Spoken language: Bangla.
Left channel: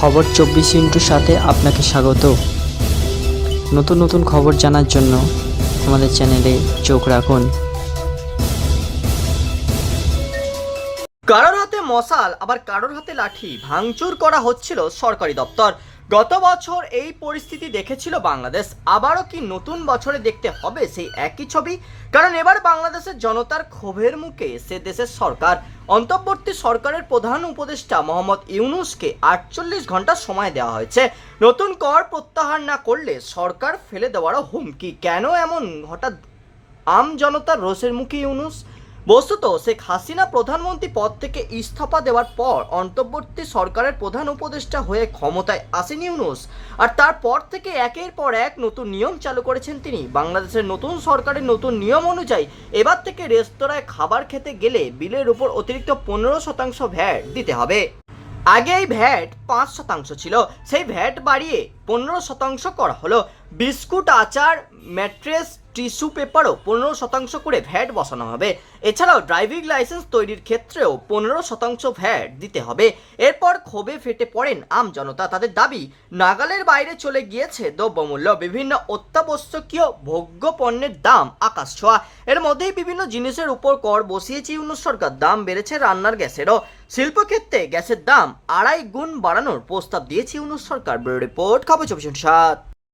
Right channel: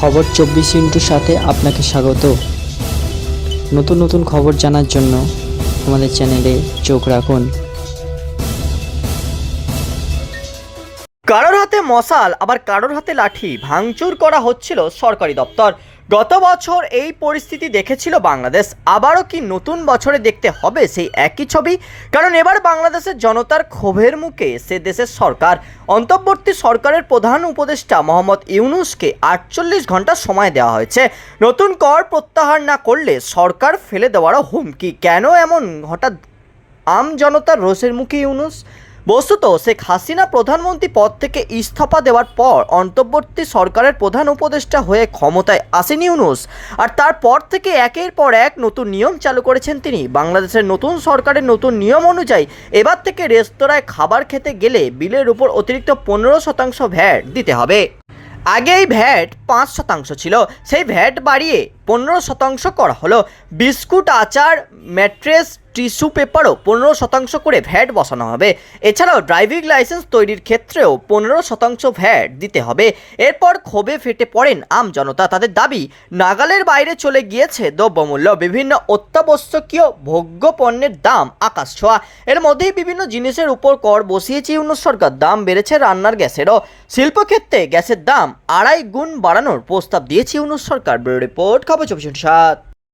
খবর চব্বিশ ইন্টুর সাথে আপনাকে স্বাগত। নতুন নতুন খবর জানার জন্য আমাদের চ্যানেলে চোখ রাখুন। কারোর হাতে মশাল, আবার কারোর হাতে লাঠি, ভাঙচুর করা হচ্ছিল সরকারি দপ্তর। গত বছর এই পরিস্থিতি দেখেছিল বাংলাদেশ। আবারও কি নতুন বছরে দেখতে হবে সেই একই ছবি? কারণ এবার বাংলাদেশের জনতার ক্ষোভের মুখে সে দেশের সরকার। অন্তর্বর্তী সরকারের প্রধান উপদেষ্টা মোহাম্মদ ইউনুসকে আটচল্লিশ ঘণ্টা সময় দেওয়া হয়েছে। নতুন কর প্রত্যাহার না করলে সরকার ফেলে দেওয়ারও হুমকি। কেন এমন হঠাৎ আম জনতার রোষের মুখে ইউনুস? বস্তুত শেখ হাসিনা প্রধানমন্ত্রী পদ থেকে ইস্তফা দেওয়ার পর অন্তর্বর্তী সরকারের প্রধান উপদেষ্টা হয়ে ক্ষমতায় আসেন ইউনুস। আর তারপর থেকে একের পর এক নতুন নিয়ম চালু করেছেন তিনি। বাংলাদেশের নতুন সরকারের নতুন নিয়ম অনুযায়ী এবার থেকে রেস্তোরাঁয় খাবার খেতে গেলে বিলের উপর অতিরিক্ত পনেরো শতাংশ ভ্যাট দিতে হবে। আগে এই ভ্যাট পাঁচ শতাংশ ছিল। সেই ভ্যাট বাড়িয়ে পনেরো শতাংশ করা হলো। বিস্কুট, আচার, ম্যাট্রেস টিস্যু পেপারও পনেরো শতাংশ করে ভ্যাট বসানো হবে। এছাড়াও ড্রাইভিং লাইসেন্স তৈরির ক্ষেত্রেও পনেরো শতাংশ ভ্যাট দিতে হবে। এরপর ক্ষোভে ফেটে পড়েন আম জনতা। তাদের দাবি, নাগালের বাইরে চলে গিয়েছে দ্রব্যমূল্য, বিভিন্ন অত্যাবশ্যকীয় ভোগ্য পণ্যের দাম আকাশ ছোঁয়া। এর মধ্যেই বিভিন্ন জিনিসের উপর কর বসিয়েছে ইউনুস সরকার। দাম বেড়েছে রান্নার গ্যাসেরও। শিল্পক্ষেত্রে গ্যাসের দাম আড়াই গুণ বাড়ানোর প্রস্তাব দিয়েছে ইউনুস সরকার। ব্যুরো রিপোর্ট, খবর চব্বিশ সাত।